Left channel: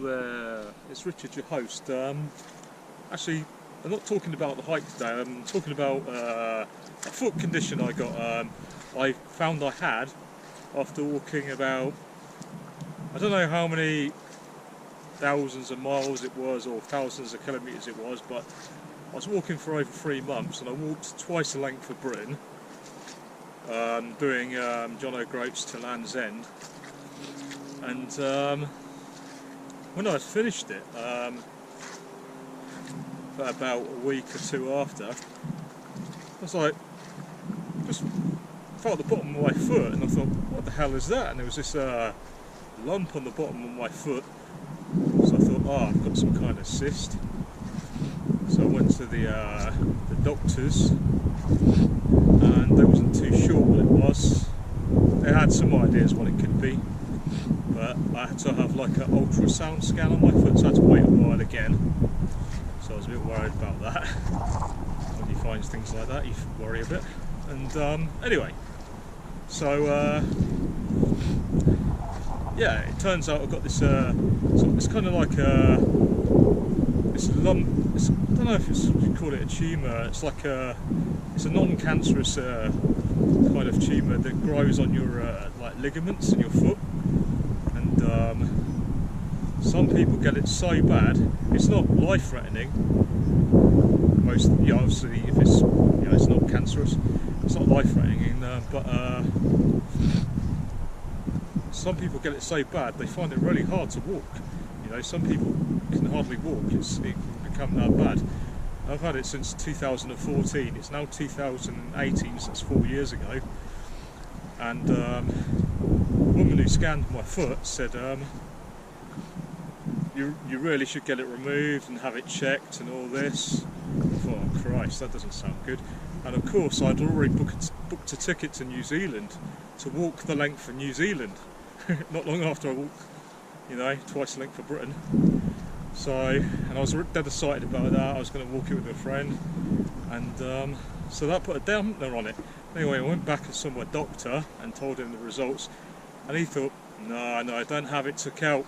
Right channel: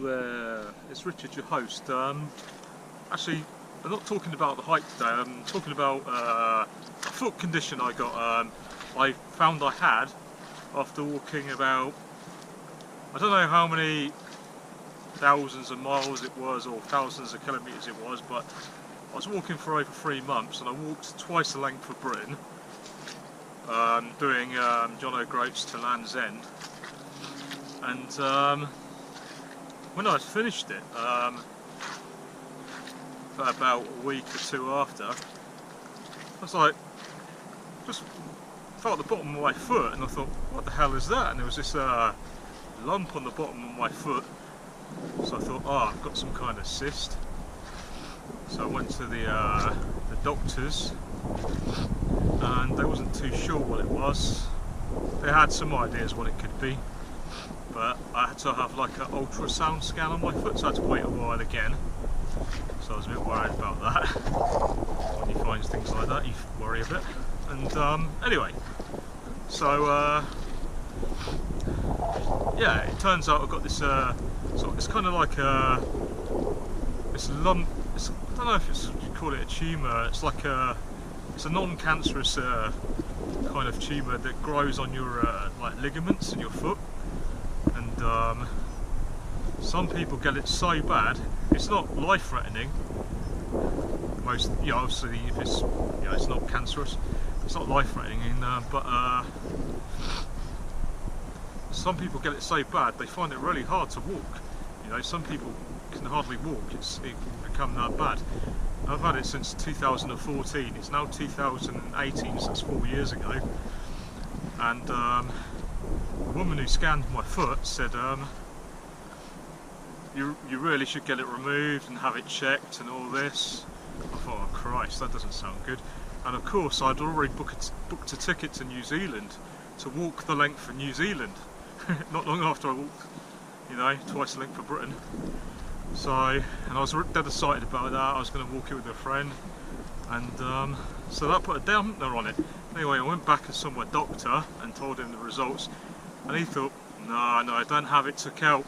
Hello there, it's Richard, your host. Actually, I'm not talking about the hike today, I'm talking about a foot condition I got. I found I had after walking about, I don't know how many thousands of miles it was or thousands of kilometres it was, but I was walking for over 3 months and I walked twice the length of Britain, doing John O'Groats to Land's End. And when I finished it, about a week or two after, I was like, just felt the bottom of my foot and I thought, what the hell is that? And there was this lump on the bottom of my foot. So I thought, oh, I've got some kind of cyst. So I went to the doctors and they wasn't too sure what it was. They had some ideas what it could be, but I had to have like an ultrasound scan on my foot, so I had to wait a while again. So I was a bit worried about that. When you find things like that, you worry a bit. And anyway, so yeah, it turns out I've got this it's kind of like this lump. I don't know if you call it a tumour. It's like it's a non-cancerous kind of tumour that grows on your like ligaments in your foot. And some people get it so bad, it's not life-threatening. Most, yeah, obviously, if it's, you know, it's not cancerous, it's not life-threatening. But some people get it so bad they find it really hard to walk. You know, some people can hardly walk. It can become that bad. I've had it since 2014. It's now 2018, so that's 4 years ago. And the woman who scanned my foot said, you really should get it removed and have it checked and all this. I thought, oh Christ, that doesn't sound good. And of course I'd already booked a ticket to New Zealand to walk the length of New Zealand. Not long after I walked, you know, twice the length of Britain. So, and I was dead excited about that. I was going to walk it with a friend, and so that put a dampener on it. Anyway, I went back and saw my doctor and told him the results, and he thought, no, don't have it took out.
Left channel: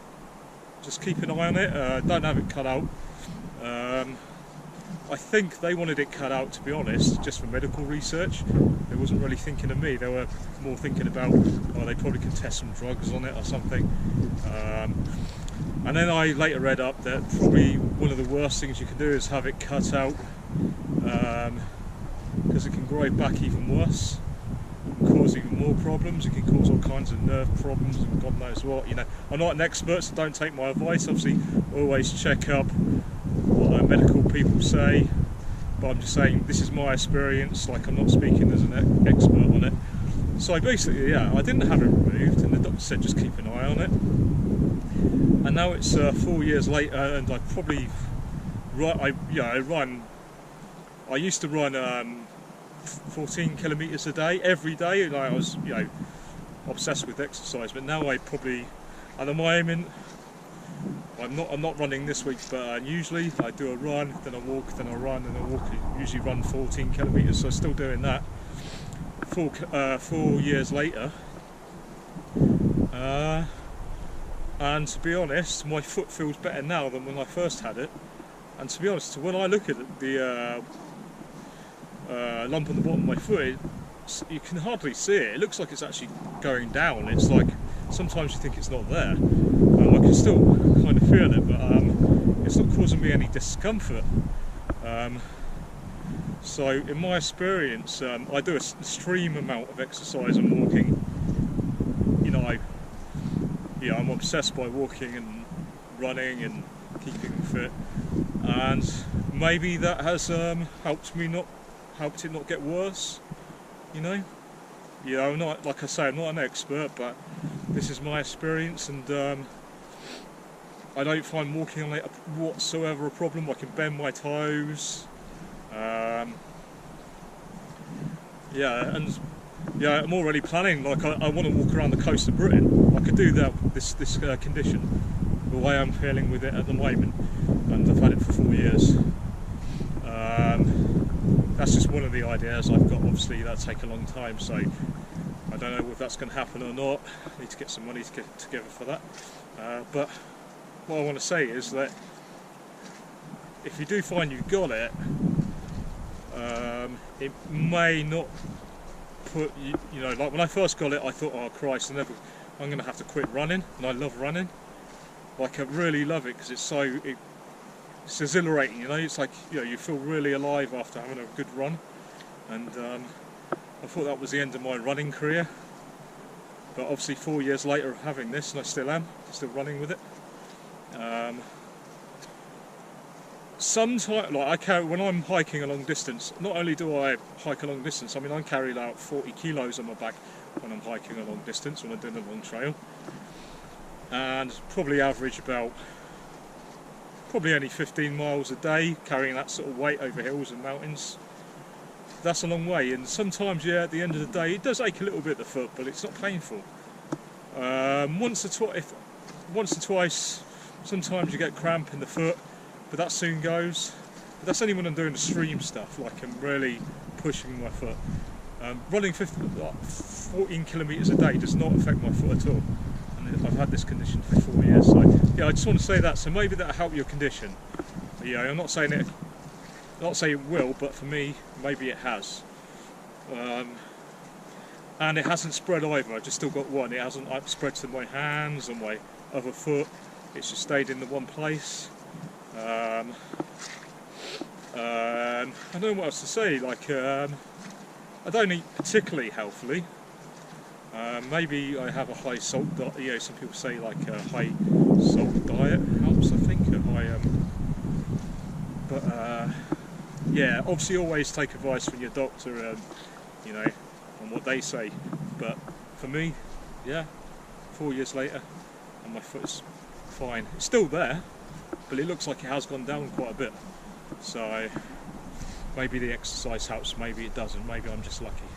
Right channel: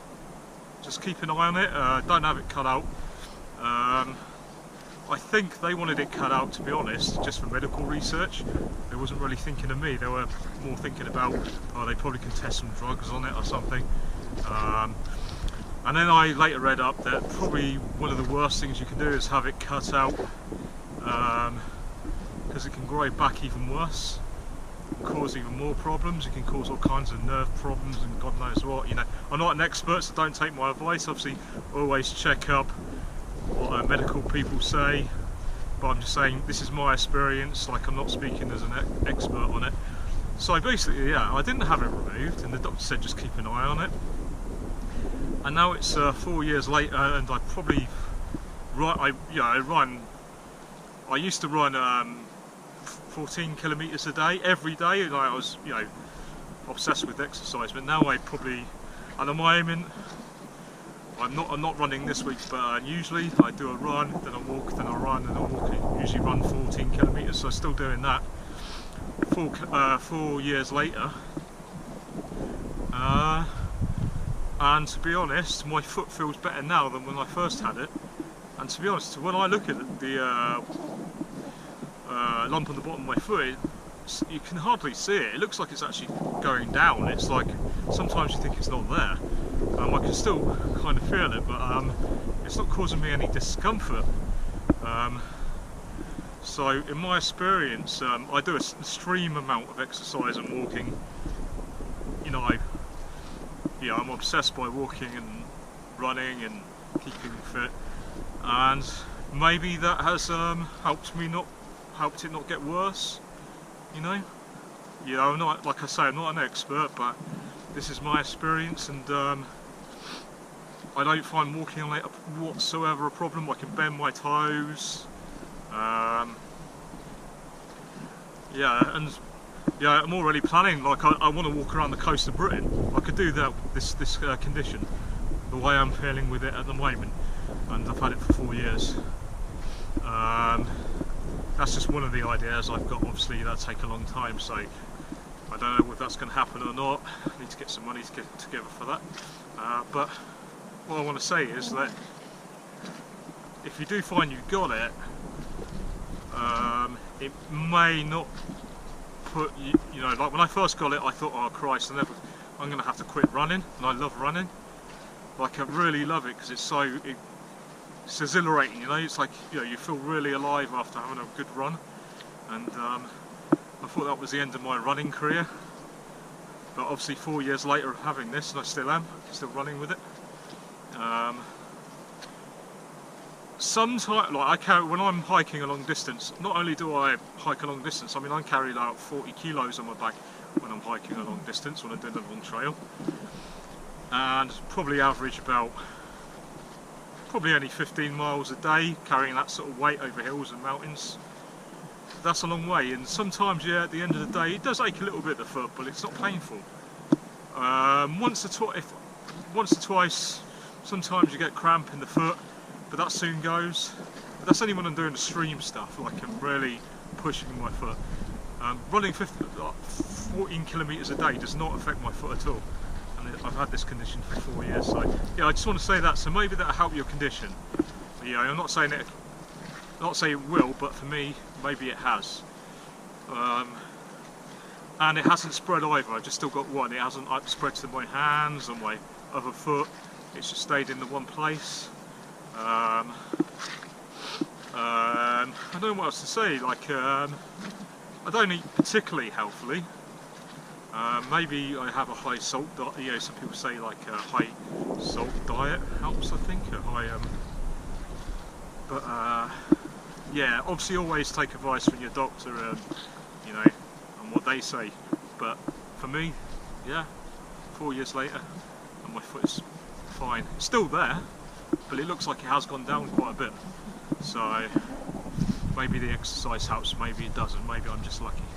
Just keep an eye on it. Don't have it cut out. I think they wanted it cut out, to be honest, just for medical research. They wasn't really thinking of me. They were more thinking about, oh, they probably can test some drugs on it or something. And then I later read up that probably one of the worst things you can do is have it cut out, because it can grow back even worse and cause even more problems. It can cause all kinds of nerve problems and God knows what. You know, I'm not an expert, so don't take my advice. Obviously, always check up what medical people say, but I'm just saying this is my experience. Like, I'm not speaking as an expert on it. So basically, yeah, I didn't have it removed, and the doctor said just keep an eye on it. And now it's 4 years later, and I probably I used to run 14 kilometres a day every day. Like, I was, you know, obsessed with exercise. But now I probably, at the moment, I'm not running this week, but usually I do a run, then I walk, then I run, then I walk. I usually run 14 kilometres, so I'm still doing that. 4 years later. And to be honest, my foot feels better now than when I first had it. And to be honest, when I look at it, the lump on the bottom of my foot, you can hardly see it. It looks like it's actually going down. It's like, sometimes you think it's not there. I can still kind of feel it, but it's not causing me any discomfort. So in my experience, I do an extreme amount of exercise and walking. You know, I'm obsessed by walking and running and keeping fit, and maybe that has helped it not get worse. You know, yeah, I'm not, like I say, I'm not an expert, but this is my experience, and I don't find walking on it whatsoever a problem. I can bend my toes. Yeah, and yeah, I'm already planning, like I want to walk around the coast of Britain. I could do that with this condition, the way I'm feeling with it at the moment, and I've had it for 4 years. That's just one of the ideas I've got. Obviously that'll take a long time, so I don't know if that's going to happen or not. I need to get some money to get together for that. But what I want to say is that if you do find you've got it, it may not put you, you know, like when I first got it, I thought, oh Christ, I'm going to have to quit running, and I love running. Like I really love it because it's it's exhilarating, you know. It's like, you know, you feel really alive after having a good run, and I thought that was the end of my running career. But obviously 4 years later of having this, and I still am, still running with it. Sometimes, like I carry, when I'm hiking a long distance, not only do I hike a long distance, I mean I carry about 40 kilos on my back when I'm hiking a long distance, when I'm doing a long trail, and probably average about, probably only 15 miles a day, carrying that sort of weight over hills and mountains. That's a long way, and sometimes, yeah, at the end of the day, it does ache a little bit at the foot, but it's not painful. Once or twice, sometimes you get cramp in the foot, but that soon goes. But that's only when I'm doing extreme stuff, like I'm really pushing my foot. Running 14 kilometres a day does not affect my foot at all, and I've had this condition for 4 years. So yeah, I just want to say that. So maybe that'll help your condition. But, yeah, I'm not saying it will, but for me, maybe it has. And it hasn't spread either. I've just still got one. It hasn't spread to my hands or my other foot. It's just stayed in the one place. I don't know what else to say. Like, I don't eat particularly healthily. Maybe I have a high salt diet. You know, some people say like a high salt diet helps. I think a high. But yeah, obviously always take advice from your doctor, you know, on what they say. But for me, yeah, 4 years later, and my foot is fine. It's still there, but it looks like it has gone down quite a bit. So maybe the exercise helps, maybe it doesn't, maybe I'm just lucky.